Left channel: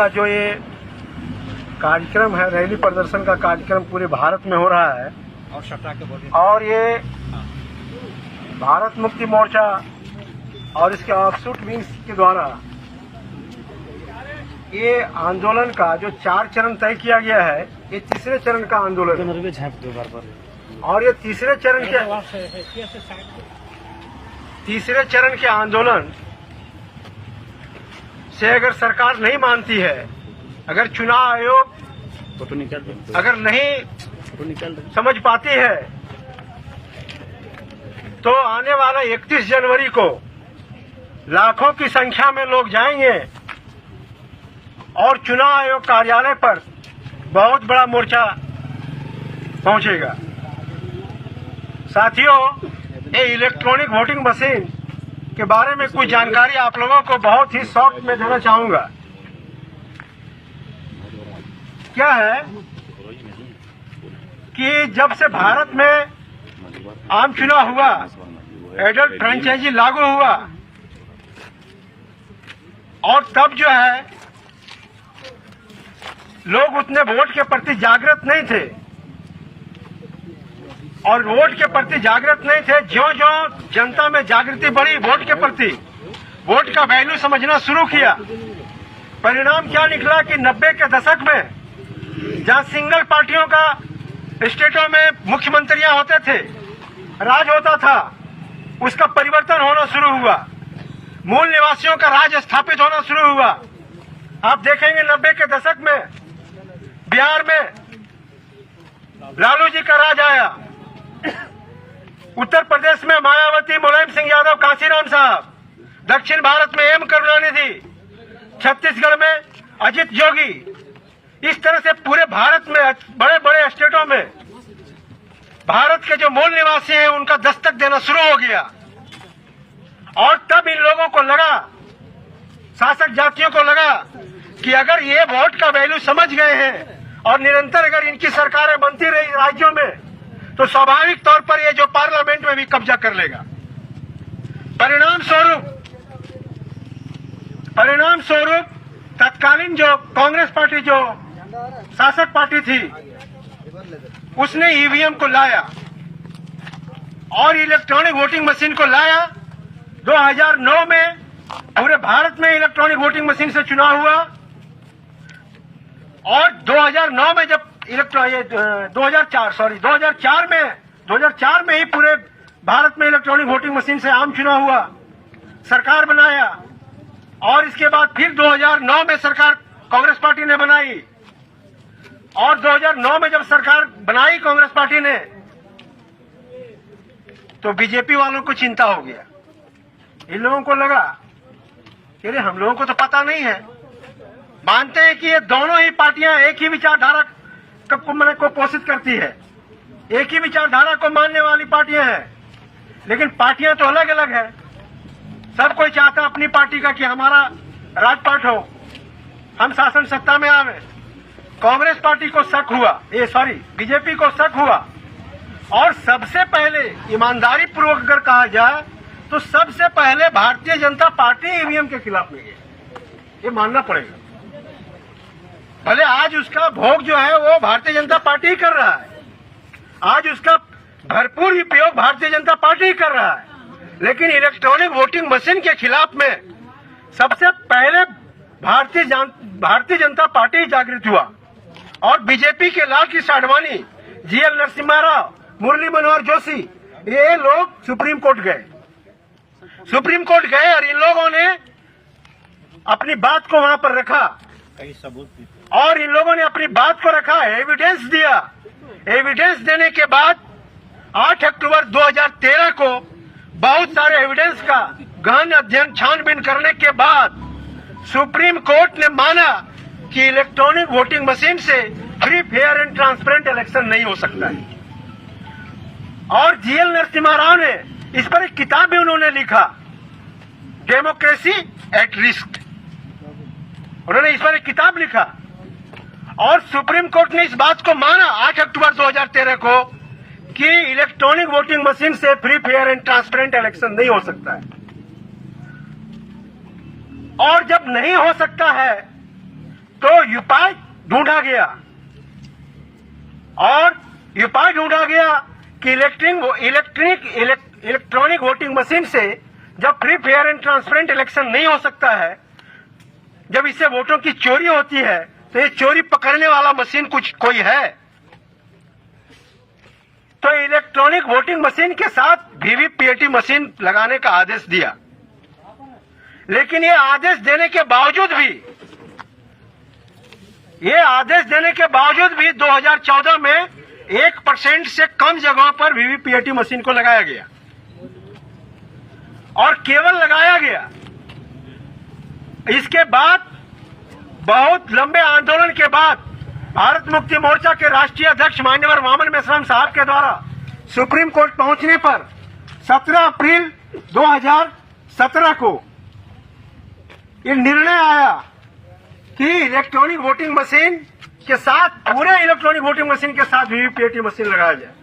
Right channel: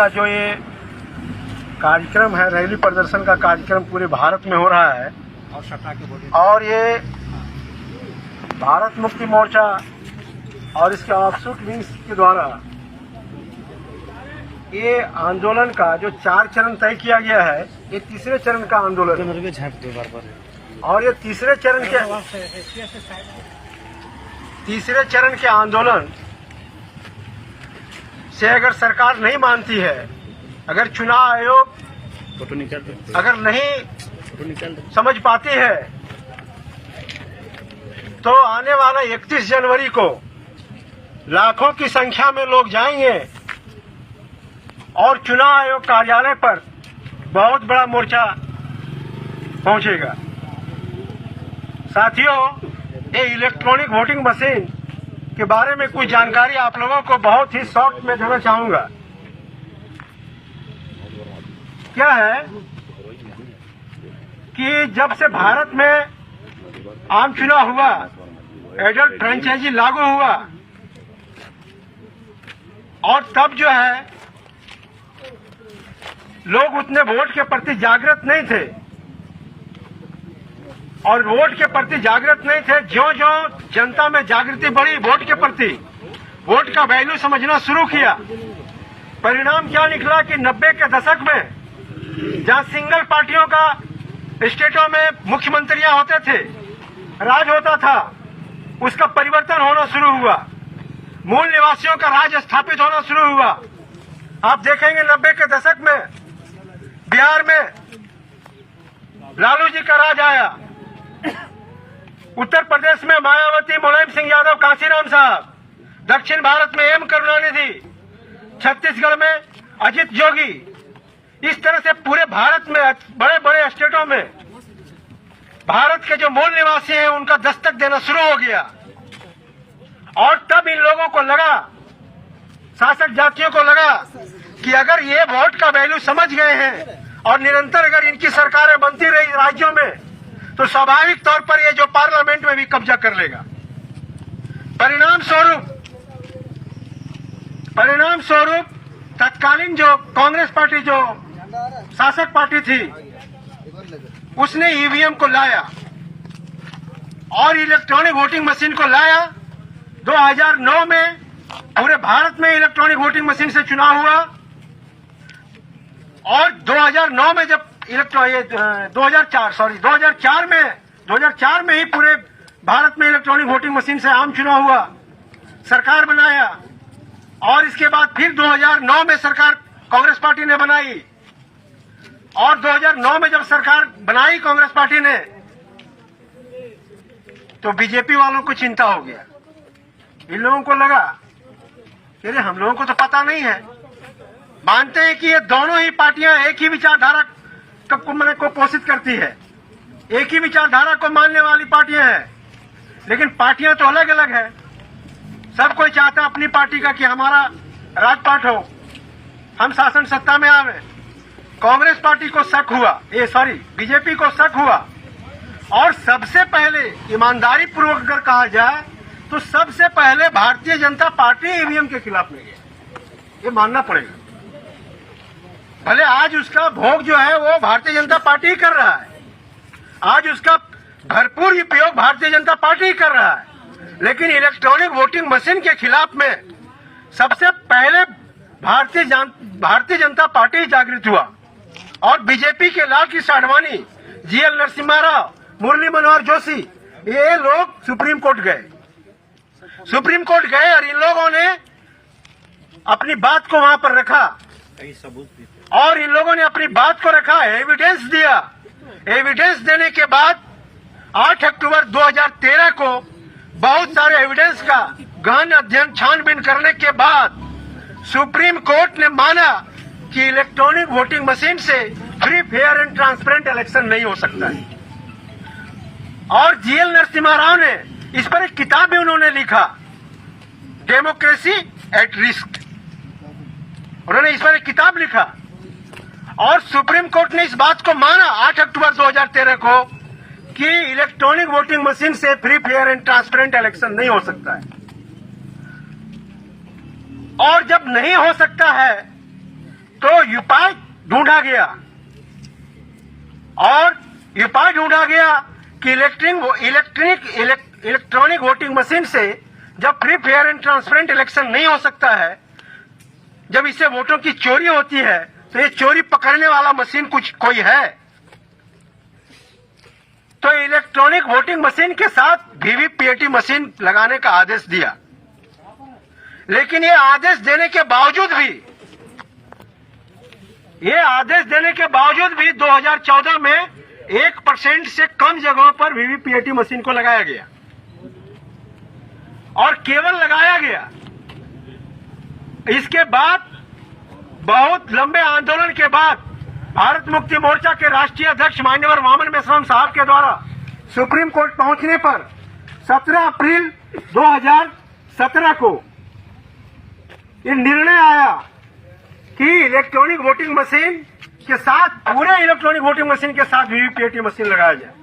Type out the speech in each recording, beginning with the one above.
का जो ये कार्यक्रम है, रैली प्रदर्शन का कार्यक्रम पूरे भारत में हो रहा है और ये भारत मुक्ति मोर्चा और इसके ऑफशूट विंग्स के द्वारा ये आंदोलन का जो 4 चरण तय किया गया है, ये तीसरे चरण का आंदोलन है और ये तीसरे चरण के आंदोलन से अगर सरकार नहीं मानती है, अगर चुनाव आयोग अगर नहीं समझ पाती है, तो आने वाला 31 जनवरी को लाखों की संख्या में लोग जाएंगे और चुनाव आयोग कार्यालय पर बहुत बड़ा मोर्चा पहुंचेगा। साथियों, ये इलेक्ट्रॉनिक वोटिंग मशीन के बारे में कुछ जानकारी आप लोगों को बहुत ही शॉर्ट में देना चाहूंगा। क्या है कि जब से भारत में आम चुनाव हुआ, एडल्ट फ्रेंचाइजी लागू हुआ और तब जो है लोग उतने वोट के प्रति जागृत नहीं थे और वोट के प्रति जागृत नहीं थे। ज्यों-ज्यों जनता में जागृति बढ़ी वोट के प्रति, वोट का वैल्यू समझना शुरू किया, परिणाम क्या निकला कि 90 के दशक में जहां सिंगल पार्टियों का स्टेटों में मुख्यमंत्रियां होते थे, राज होता था, उसका परिवर्तन होना शुरू हुआ, मूल निवासियों का राज स्थापित होना शुरू हुआ। आप देखेंगे 90 के दशक में बिहार में लालू जी का राज आया, उत्तर प्रदेश में मायावती, मुलायम सिंह यादव, कांशीराम साहब, दक्षिण भारत में एम करुणानिधि, छत्तीसगढ़ में अजित जोगी। इस तरह से पूरे भारत में बड़े बड़े स्टेटों में भारत के जो मूल निवासी हैं उनका दस्तक देना शुरू हो गया और तब इन लोगों को लगा, शासक जातियों को लगा कि अगर ये वोट का वैल्यू समझ गए हैं और निरंतर अगर इनकी सरकारें बनती रही राज्यों में, तो स्वाभाविक तौर पर ये जो पार्लियामेंट में भी कब्जा कर लेगा। परिणाम स्वरूप तत्कालीन जो कांग्रेस पार्टी, जो शासक पार्टी थी, उसने ईवीएम को लाया और इलेक्ट्रॉनिक वोटिंग मशीन को लाया। 2009 में पूरे भारत में इलेक्ट्रॉनिक वोटिंग मशीन से चुनाव हुआ और 2009 में जब 2004 में ही पूरे भारत में इलेक्ट्रॉनिक वोटिंग मशीन से आम चुनाव हुआ, सरकार बनाया और इसके बाद फिर 2009 में सरकार कांग्रेस पार्टी ने बनाई और 2009 में जब सरकार बनाई कांग्रेस पार्टी ने, तो बीजेपी वालों को चिंता हो गया। इन लोगों को लगा कि हम लोगों को तो पता नहीं है, मानते हैं कि ये दोनों ही पार्टियां एक ही विचारधारा को पोषित करती है, एक ही विचारधारा को मानने वाली पार्टियां हैं, लेकिन पार्टियां तो अलग अलग है। सब कोई चाहता है अपनी पार्टी का कि हमारा राजपाट हो, हम शासन सत्ता में आवे। कांग्रेस पार्टी को शक हुआ, बीजेपी को शक हुआ और सबसे पहले ईमानदारी पूर्वक अगर कहा जाए तो सबसे पहले भारतीय जनता पार्टी ईवीएम के खिलाफ में गई, ये मानना पड़ेगा। भले आज उसका भोग जो है वो भारतीय जनता पार्टी ही कर रहा है, आज उसका भरपूर उपयोग भारतीय जनता पार्टी ही कर रहा है, लेकिन इलेक्ट्रॉनिक वोटिंग मशीन के खिलाफ में सबसे पहले भारतीय जनता पार्टी जागृत हुआ और बीजेपी के लाल कृष्ण आडवाणी, जीएल नरसिम्हा राव, मुरली मनोहर जोशी, ये लोग सुप्रीम कोर्ट गए और इन लोगों ने अपनी बात को वहां पर रखा और इन लोगों ने अपनी बात को रखा, एविडेंस दिया। एविडेंस देने के बाद 8 अक्टूबर 2013 को बहुत सारे एविडेंस का गहन अध्ययन छानबीन करने के बाद सुप्रीम कोर्ट ने माना कि इलेक्ट्रॉनिक वोटिंग मशीन से free, fair and transparent election नहीं हो सकता है। और जीएल नरसिम्हा राव ने इस पर एक किताब भी उन्होंने लिखा, डेमोक्रेसी एट रिस्क। उन्होंने इस पर एक किताब लिखा और सुप्रीम कोर्ट ने इस बात को माना 8 अक्टूबर 2013 को कि इलेक्ट्रॉनिक वोटिंग मशीन से free, fair and transparent election नहीं हो सकता है। और जब नहीं हो सकता है तो उपाय ढूंढा गया और उपाय ढूंढा गया कि इलेक्ट्रॉनिक वोटिंग मशीन से जब free fair and transparent election नहीं हो सकता है, जब इससे वोटों की चोरी होती है, तो ये चोरी पकड़ने वाला मशीन कोई है। तो इलेक्ट्रॉनिक वोटिंग मशीन के साथ वीवीपीएटी मशीन लगाने का आदेश दिया। लेकिन ये आदेश देने के बावजूद भी 2014 में 1% से कम जगहों पर वीवीपीएटी मशीन को लगाया गया और केवल लगाया गया। इसके बाद बहुत लंबे आंदोलन के बाद भारत मुक्ति मोर्चा के राष्ट्रीय अध्यक्ष मान्यवर वामन मेश्राम साहब के द्वारा सुप्रीम कोर्ट पहुंचने पर 17 अप्रैल 2017 को ये निर्णय आया कि इलेक्ट्रॉनिक वोटिंग मशीन के साथ, पूरे इलेक्ट्रॉनिक वोटिंग मशीन के साथ वीवीपीएटी मशीन लगाया जाए।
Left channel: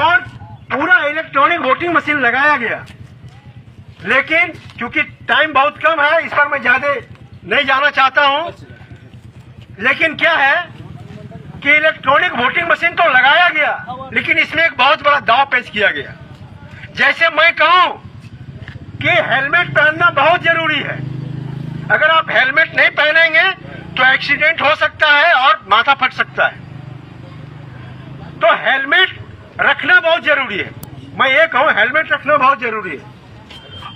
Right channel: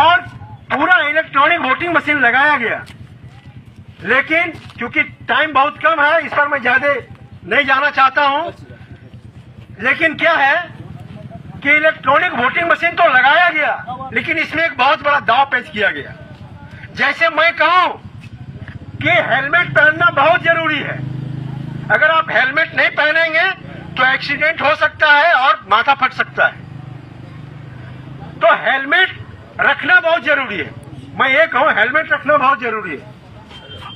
और पूरा इलेक्ट्रॉनिक वोटिंग मशीन लगाया गया। लेकिन क्योंकि टाइम बहुत कम है, इस पर मैं ज्यादा नहीं जाना चाहता हूं। लेकिन क्या है कि इलेक्ट्रॉनिक वोटिंग मशीन तो लगाया गया, लेकिन इसमें एक बहुत बड़ा दांव पेश किया गया। जैसे मैं कहूं कि हेलमेट पहनना बहुत जरूरी है। अगर आप हेलमेट नहीं पहनेंगे तो एक्सीडेंट हो सकता है और माथा फट सकता है। तो हेलमेट रखना बहुत जरूरी है। मैं ये कहूं, हेलमेट रखना बहुत जरूरी है।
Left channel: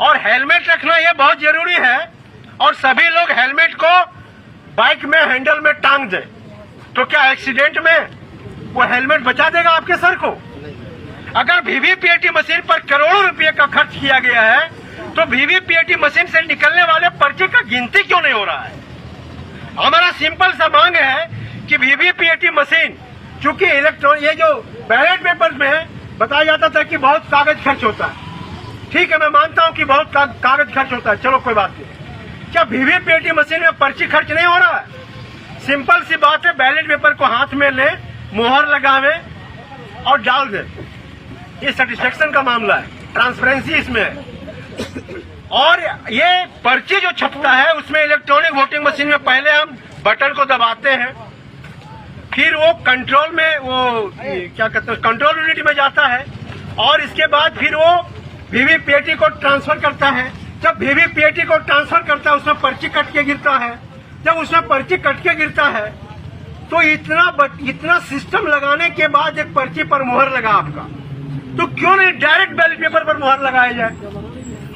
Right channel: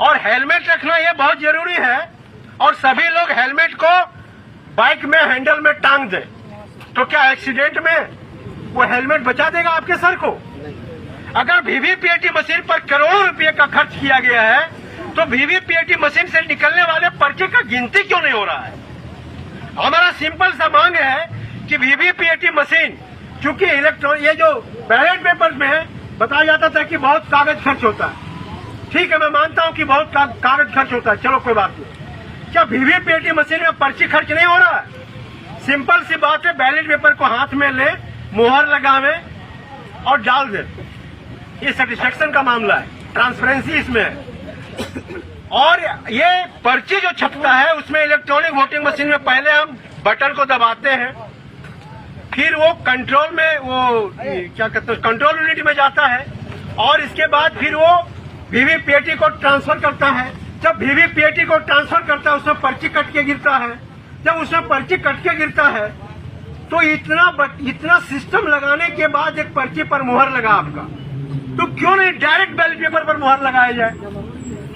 और हेलमेट रखना ये बहुत जरूरी है और सभी लोग हेलमेट को बाइक में हैंडल में टांग दें, तो क्या एक्सीडेंट में वो हेलमेट बचा देगा आपके सर को? अगर वीवीपीएटी मशीन पर करोड़ों रुपए का खर्च किया गया है, तो वीवीपीएटी मशीन से निकलने वाले पर्चे का गिनती क्यों नहीं हो रहा है? हमारा सिंपल सा मांग है कि वीवीपीएटी मशीन, चूंकि इलेक्ट्रॉनिक, ये जो बैलेट पेपर में बताया जाता था कि बहुत कागज खर्च होता है, ठीक है, मैं मानता हूं कि बहुत कागज खर्च होता है, चलो कोई बात नहीं। क्या वीवीपीएटी मशीन में पर्ची खर्च नहीं हो रहा है? सिंपल सी बात है, बैलेट पेपर को हाथ में ले, मुहर लगावे और डाल दे। ये सेटिस्फेक्शन का मामला है, ट्रांसपेरेंसी इसमें है। और ये पर्ची जो छपता है उसमें इलेक्ट्रॉनिक वोटिंग मशीन में पहले हम बटन को दबाते हैं, फिर वो कंट्रोल में, वो क्या कहते हैं, कंट्रोल यूनिट में जाता है और इसके बाद फिर वो वीवीपीएटी को ट्रांसफर करता है। जब वीवीपीएटी को ट्रांसफर करता है उसमें पर्ची कट के गिरता है। जब उसमें पर्ची कट के गिरता है तो इतना सिस्टम लगाने के बाद एक पर्ची पर मुहर लगा आपका, तो क्यों नहीं डायरेक्ट बैलेट पेपर पर मुहर लगाया जाए?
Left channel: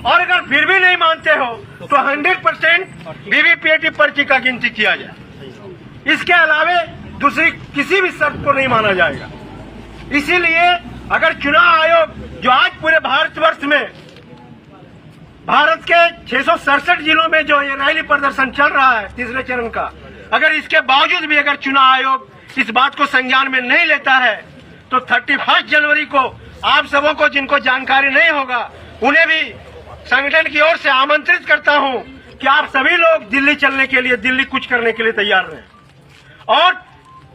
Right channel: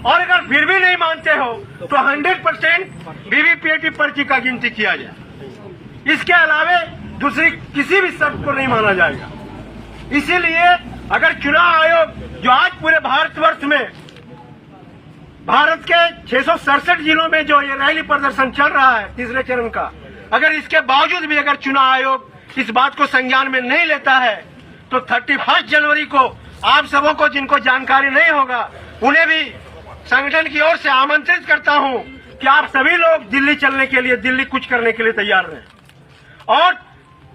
और अगर फिर भी नहीं मानते हो तो 100% वीवीपीएटी पर्ची का गिनती किया जाए। इसके अलावा दूसरी किसी भी शर्त को नहीं माना जाएगा। इसीलिए अगर चुनाव आयोग, जो आज पूरे भारतवर्ष में, भारत के 667 जिलों में जो ये रैली प्रदर्शन चल रहा है तीसरे चरण का, अगर इसके बावजूद भी अगर चुनाव आयोग इस बात को संज्ञान में नहीं लेता है, तो 31 जनवरी को आप सबों को, जिनको जानकारी नहीं होगा, उन्हें भी संगठन की ओर से आमंत्रित करता हूं कि आप सभी लोग दिल्ली चलने के लिए, दिल्ली कुछ करने के लिए तैयार रहें। और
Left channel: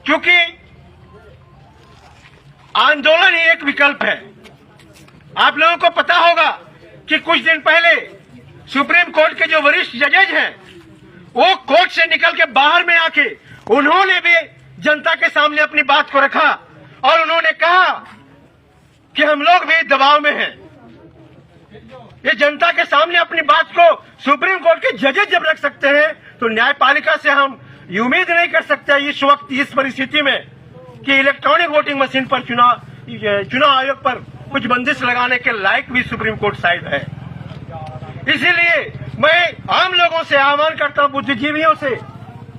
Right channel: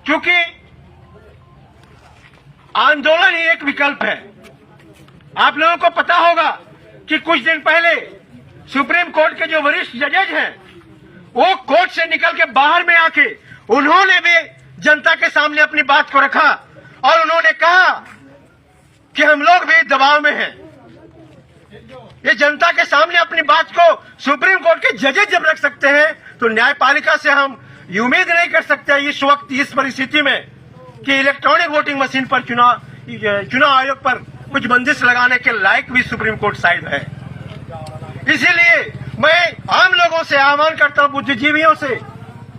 क्योंकि आंदोलन ही एक विकल्प है। आप लोगों को पता होगा कि कुछ दिन पहले सुप्रीम कोर्ट के जो वरिष्ठ जजेज हैं, वो कोर्ट से निकल के बाहर में आके उन्होंने भी जनता के सामने अपनी बात को रखा और उन्होंने कहा कि हम लोग भी दबाव में हैं। ये जनता के सामने अपनी बात को सुप्रीम कोर्ट के जजेज जब रख सकते हैं, तो न्यायपालिका से हम ये उम्मीद नहीं कर सकते इस वक्त, इस परिस्थिति में, कि इलेक्ट्रॉनिक वोटिंग मशीन पर चुनाव आयोग पर कुछ बंदिश लगाने के लायक भी सुप्रीम कोर्ट शायद है। इसीलिए मैं आम लोगों से आह्वान करता हूं, बुद्धिजीवियों से,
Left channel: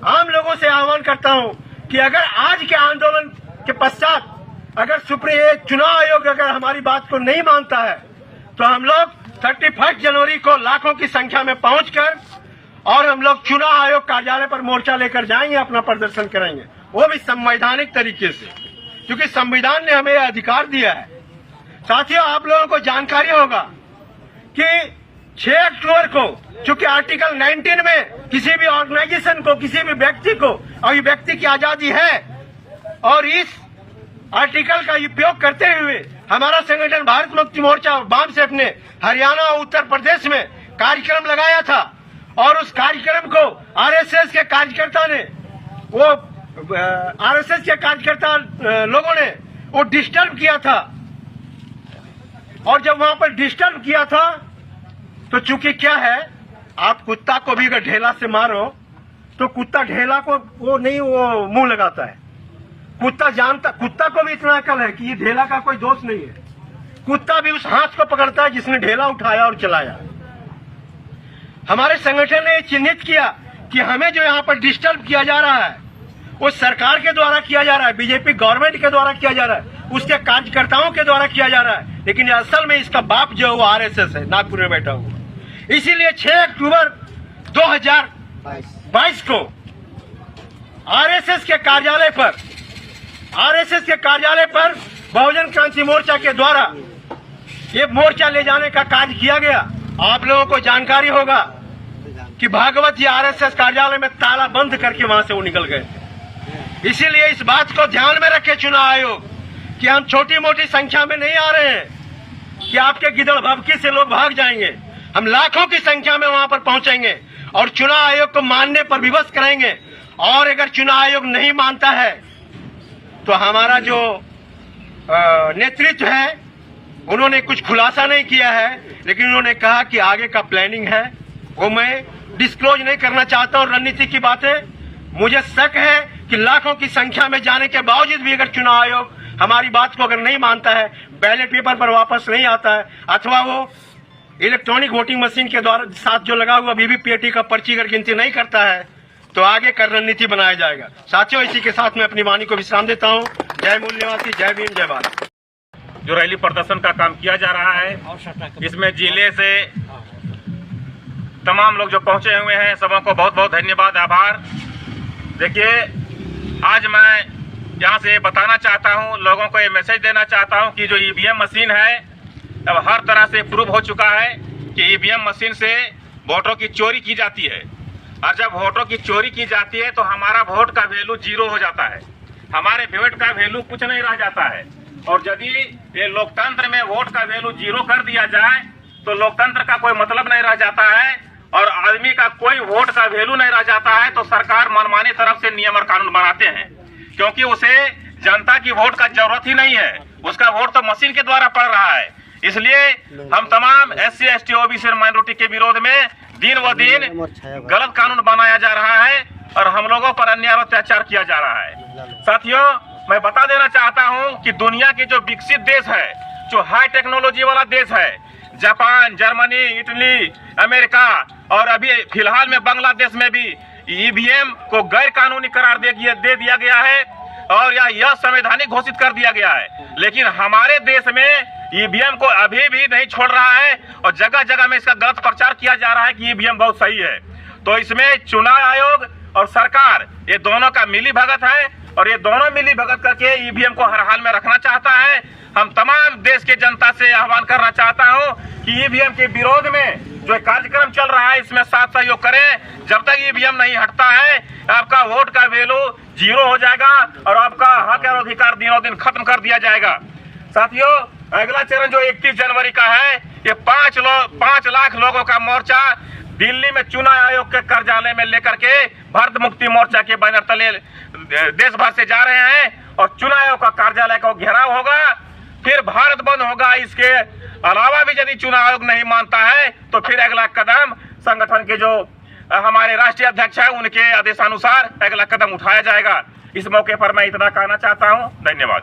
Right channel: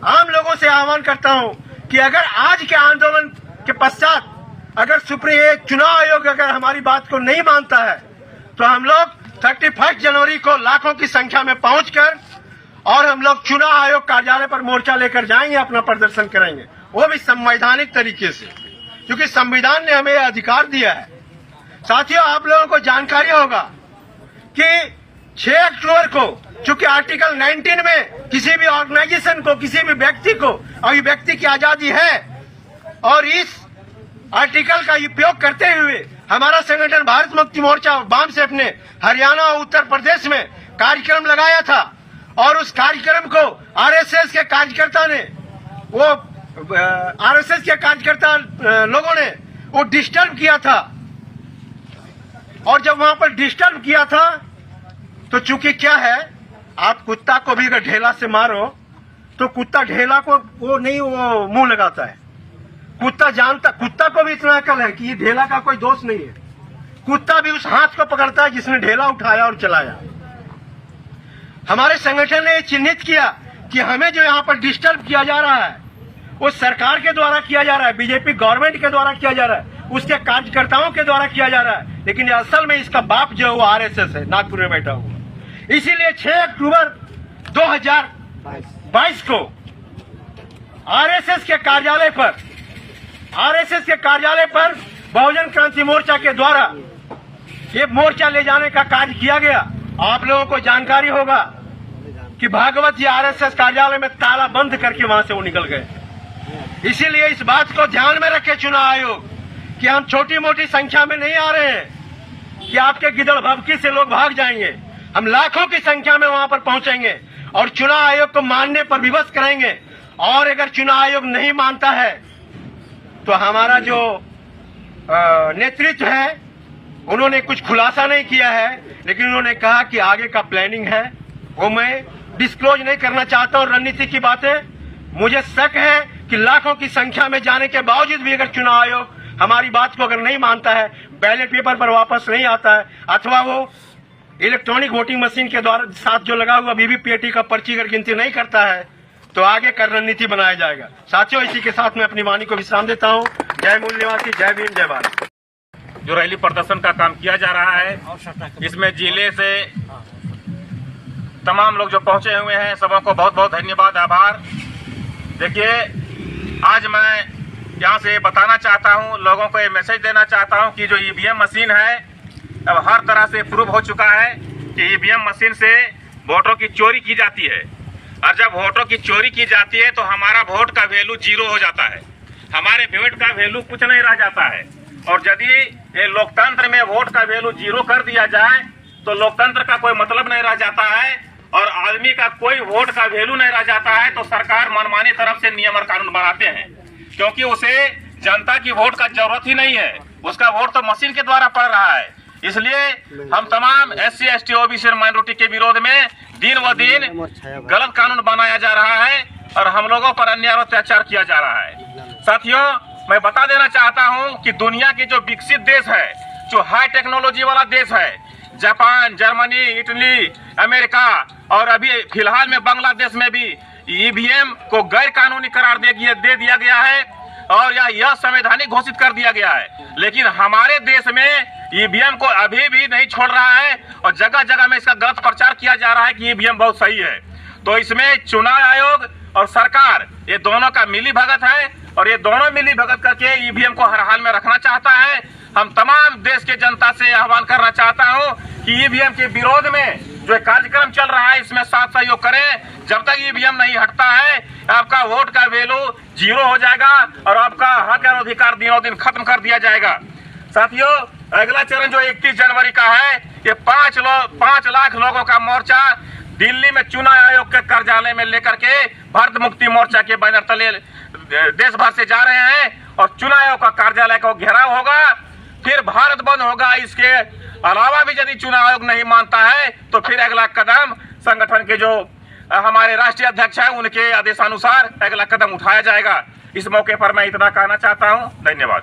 आम लोगों से आह्वान करता हूं कि अगर आज के आंदोलन के पश्चात अगर चुनाव आयोग अगर हमारी बात को नहीं मानता है, तो हम लोग 31 जनवरी को लाखों की संख्या में पहुंचकर और हम लोग चुनाव आयोग कार्यालय पर मोर्चा लेकर जाएंगे, अपना प्रदर्शन करेंगे, वो भी संवैधानिक तरीके से, क्योंकि संविधान ने हमें अधिकार दिया है। साथियों, आप लोगों को जानकारी होगा कि 6 अक्टूबर को, चूंकि आर्टिकल 19 में किसी भी ऑर्गेनाइजेशन को, किसी भी व्यक्ति को अभिव्यक्ति की आजादी है, और इस आर्टिकल का उपयोग करते हुए हमारा संगठन भारत मुक्ति मोर्चा वाम से अपने हरियाणा और उत्तर प्रदेश में कार्यक्रम लगाया था और उस कार्यक्रम को आरएसएस के कार्यकर्ता ने, वो आरएसएस के कार्यकर्ता लोगों ने वो डिस्टर्ब किया था। और जब वहां पर डिस्टर्ब किया था तो चूंकि क्या है, आप कुत्ता को भी अगर ढेला से मारो तो कुत्ता ढेला को वो मुंह लगाता है। कुत्ता जानता, कुत्ता को भी इतना अकल है कि ये ढेला का कोई दोष नहीं है। कुत्ता भी उस हाथ को पकड़ता है जिसने ढेला उठाया और चलाया। हमारे संगठन ने चिन्हित किया कि हमें जो यहाँ पर डिस्टर्ब किया जा रहा है वो सरकार के द्वारा किया जा रहा है, बीजेपी गवर्नमेंट के द्वारा किया जा रहा है, उसके कार्यकर्ताओं के द्वारा किया जा रहा है। लेकिन असल में इसका बाप जो है वो आरएसएस है, नागपुर में बैठा हुआ। इसीलिए 6 अक्टूबर 2022 को आरएसएस के कार्यालय पर बहुजन क्रांति मोर्चा के द्वारा ये मोर्चा ले जाने का कार्य किया गया। आप लोगों को जानकारी होगा कि भागवत जी आरएसएस कार्यालय में ताला बंद करके वहां से वो निकल गए थे। इसीलिए इस बात को ध्यान में रखे चुनाव आयोग कि हम छोटी मोटी संख्या में नहीं आ रहे हैं कि आपके गिदड़ भभकी से लोग भाग जाएंगे। हम लाखों की संख्या में वहां पर पहुंचेंगे और चुनाव आयोग को मानने पर विवश करेंगे। और अगर चुनाव आयोग नहीं मानता है तो हमारा जो नेतृत्व है उन्होंने कुछ खुलासा नहीं किया है, लेकिन उन्होंने कहा कि आगे का प्लानिंग है, वो मैं डिस्क्लोज नहीं करना चाहता हूं रणनीति की बातें। मुझे शक है कि लाखों की संख्या में जाने के बावजूद भी अगर चुनाव आयोग हमारी बात को अगर नहीं मानता है, बैलेट पेपर पर वापस नहीं आता है, अथवा वो इलेक्ट्रॉनिक वोटिंग मशीन के द्वारा साथ जो लगा हुआ वीवीपीएटी का पर्ची अगर गिनती नहीं करता है तो आगे का रणनीति बनाया जाएगा। साथियों, इसी के साथ मैं अपनी वाणी को विश्राम देता हूं। जय मूल निवासी, जय भीम, जय भारत। जो रैली प्रदर्शन का काम किया जा रहा है, इसमें जिले से तमाम लोग जो पहुंचे हुए हैं सबों को बहुत बहुत धन्यवाद, आभार। देखिए, आज मैं यहाँ से बताना चाहता हूँ, लोगों को ये मैसेज देना चाहता हूँ कि जो ईवीएम मशीन है अब हर तरह से प्रूव हो चुका है कि ईवीएम मशीन से वोटों की चोरी की जाती है। और जब वोटों की चोरी की जाती है तो हमारा वोट का वैल्यू 0 हो जाता है, हमारे वोट का वैल्यू कुछ नहीं रह जाता है। और यदि ये लोकतंत्र में वोट का वैल्यू 0 कर दिया जाए तो लोकतंत्र का कोई मतलब नहीं रह जाता है और आदमी का कोई वोट का वैल्यू नहीं रह जाता है। तो सरकार मनमानी तरफ से नियम और कानून बनाते हैं, क्योंकि उसे जनता की वोट का जरूरत ही नहीं है, उसका वोट तो मशीन के द्वारा पड़ रहा है। इसलिए हम तमाम SC ST OBC माइनॉरिटी के विरोध में दिन व दिन गलत कानून बनाया जा रहा है और हम लोगों पर अन्याय और अत्याचार किया जा रहा है। साथियों, मैं बता देना चाहता हूं कि दुनिया के जो विकसित देश है, जो हाई टेक्नोलॉजी वाला देश है, जापान, जर्मनी, इटली, अमेरिका और अभी फिलहाल में बांग्लादेश में भी ईवीएम को गैर कानूनी करार दे दिया गया है और यह संवैधानिक घोषित कर दिया गया है। लेकिन हमारे देश में ईवीएम को अभी भी नहीं छोड़ रहा है और जगह जगह में इसका गलत प्रचार किया जा रहा है कि ईवीएम बहुत सही है। तो इसमें चुनाव आयोग और सरकार ये दोनों का मिली भगत है और ये दोनों मिली भगत करके ईवीएम को हर हाल में रखना चाहता है। हम तमाम देश के जनता से आह्वान करना चाहता हूं कि ईवीएम के विरोध में जो कार्यक्रम चल रहा है इसमें साथ सहयोग करें। जब तक ईवीएम नहीं हटता है आपका वोट का वैल्यू 0 हो जाएगा और आपका हक और अधिकार दिनों दिन खत्म कर दिया जाएगा। साथियों, अगला चरण जो 31 जनवरी का है, ये 5 लाख लोगों का मोर्चा दिल्ली में चुनाव आयोग के कार्यालय में लेकर के भारत मुक्ति मोर्चा के बैनर तले देश भर से जा रहे हैं और चुनाव आयोग का कार्यालय का घेराव होगा, फिर भारत बंद होगा। इसके अलावा भी यदि चुनाव आयोग नहीं मानता है तो फिर अगला कदम संगठन के जो हमारे राष्ट्रीय अध्यक्ष है उनके आदेशानुसार अगला कदम उठाया जाएगा। इस मौके पर मैं इतना कहना चाहता हूं। धन्यवाद।